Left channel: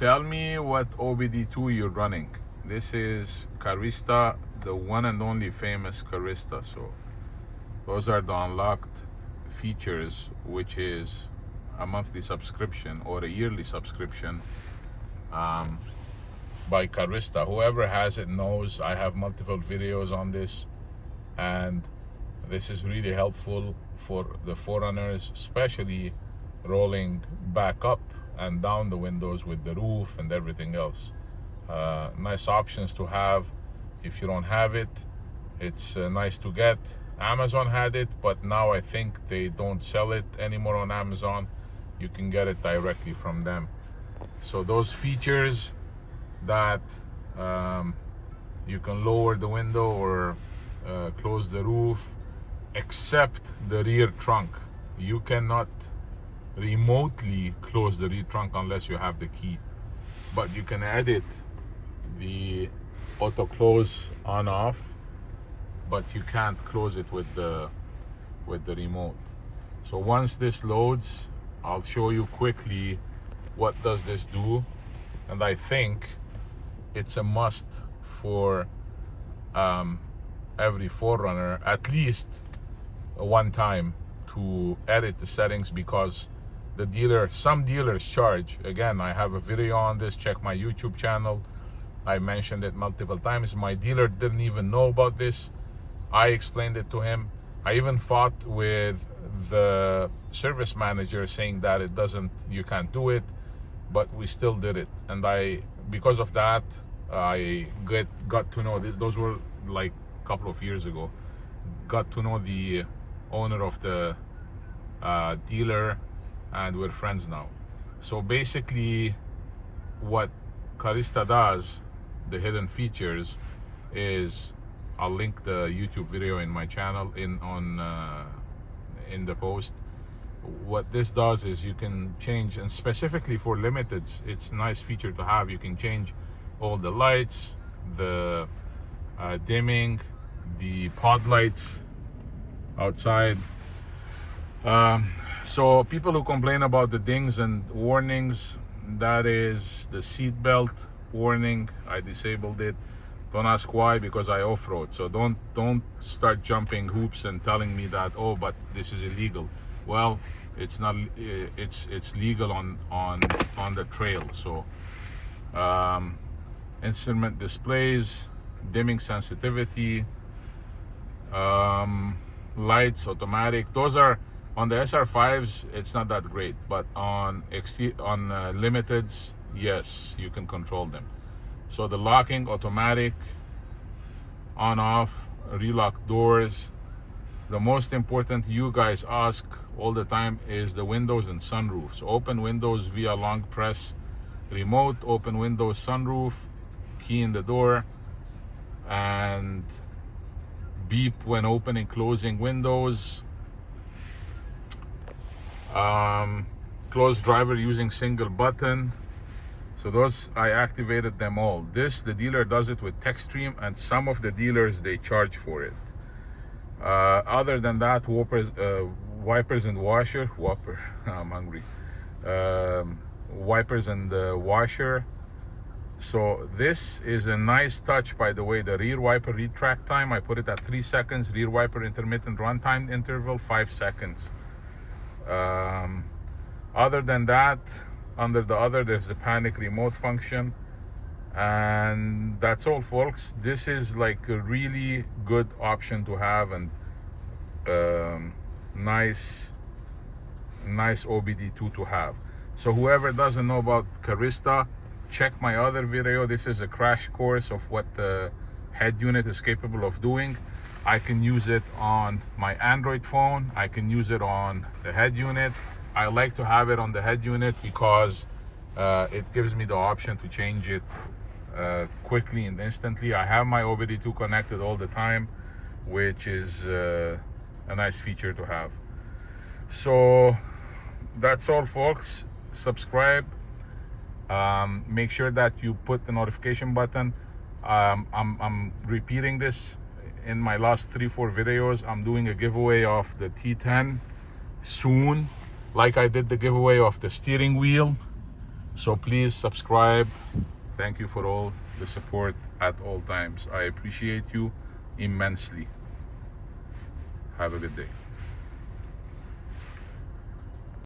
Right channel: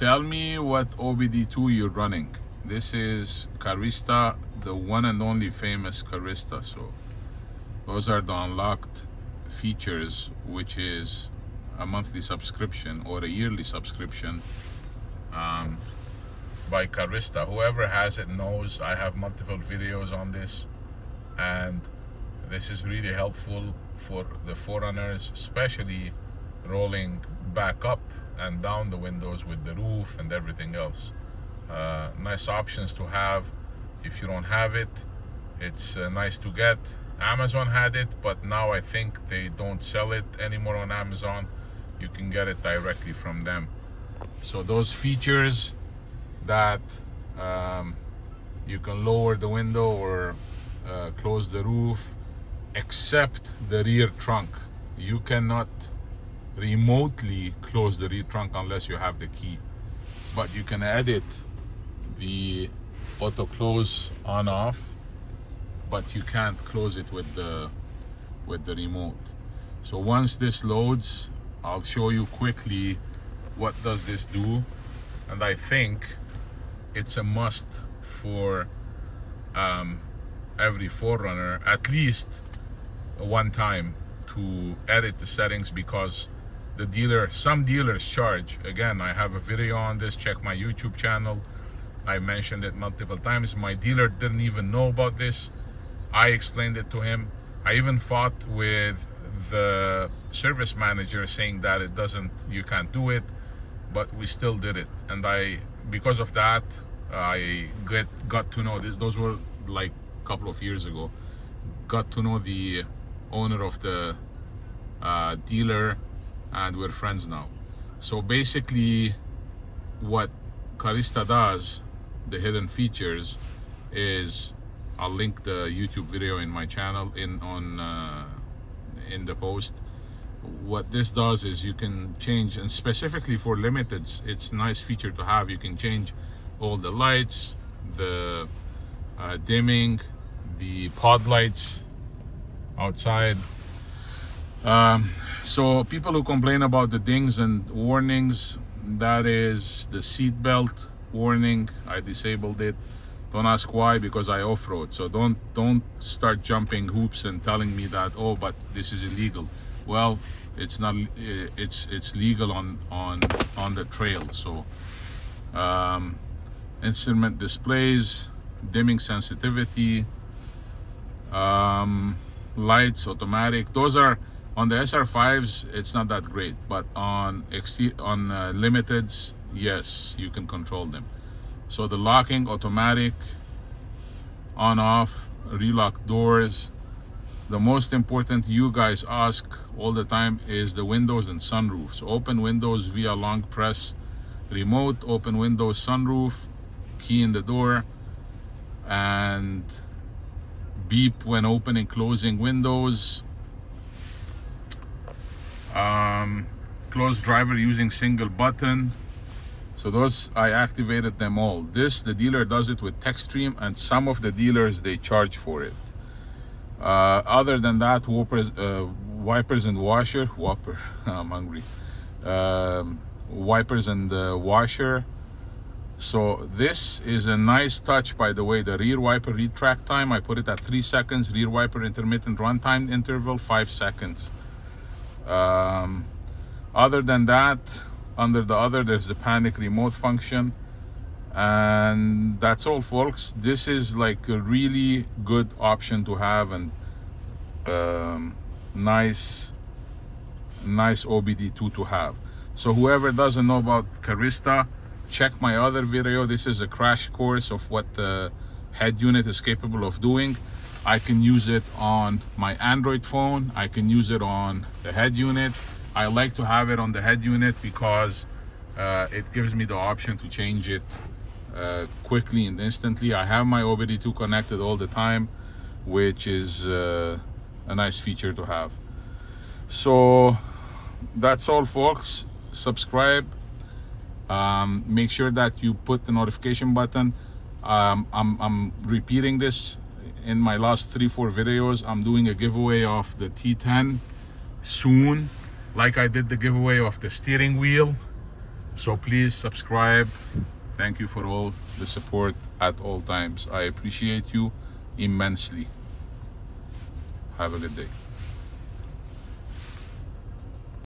Tell me what OBDII you're running. This is Carista, the one and only famous Carista. So those are the unlocked features, which is a monthly subscription or a yearly subscription by Carista. Whoever has it knows I have multiple videos on this, and this is really helpful for the 4Runners, especially rolling back up and down the windows with the roof and everything else. Nice options to have. If you don't have it, it's nice to get. Amazon had it, but now I think they don't sell it anymore on Amazon. You can get it directly from them. So those features that you can lower the window or close the roof, except the rear trunk. You cannot remotely close the rear trunk unless you have the key, but you can edit the auto close on off, but you can't close it with the remote. So once this loads, I'll show you quickly what does this do, and I think it's a must for every 4Runner at least one time to edit the settings, because some dealers charge. Again, I have a video on this. Check my YouTube channel. I mentioned it multiple times. My dealer didn't even know about this. I explained it to him. I even fought with the service manager saying that you can't do it, but we still did it. And because of that, I got to know this. Those were like a couple of years ago. Got to know the owner of the dealer, and we're friends now. So basically what Carista does, the hidden features, is I'll link the YouTube video in my channel in the post. What this does is you can change, and specifically for limiteds, it's a nice feature to have. You can change all the lights, the dimming, the pod lights outside. So people who complain about the dings and warnings, that is the seat belt warning. I disabled it. Don't ask why, because I off-road. So don't start jumping hoops and telling me that, oh, but this is illegal. Well, it's not. It's legal on the trail. So instrument displays, dimming sensitivity, lights automatic. Those are on the SR5s. It's not that great, but on limiteds, yes, you can control them. So the locking automatic, on off, relock doors. The most important you guys ask all the time is the windows and sunroof. So open windows via long press remote, open windows, sunroof, key in the door, and beep when opening, closing windows. Close driver using single button. So those, I activated them all. This, the dealer does it with Techstream, and some of the dealers, they charge for it. Other than that, wipers and washer. I'm hungry. Wipers and the washer. So this is a nice touch, by the way. The rear wiper retract time, I put it at 3 seconds. Rear wiper intermittent runtime interval, 5 seconds. Other than that, under the other, there's the panic remote function, and that's all, folks. This is like a really good option to have, and nice OBDII to have. So whoever doesn't know about Carista, check my other video. This is a crash course of what the head unit is capable of doing. I can use it on my Android phone. I can use it on the head unit. I like to have it on the head unit because it gives me the option to change it quickly and instantly. I have my OBDII connected all the time, which is a nice feature to have. So that's all, folks. Subscribe. Make sure that you put the notification button. I'm repeating this in my last 3-4 videos. I'm doing a giveaway of the T10 soon, like I did the giveaway of the steering wheel. So please subscribe. Thank you for all the support at all times. I appreciate you immensely. Have a good day.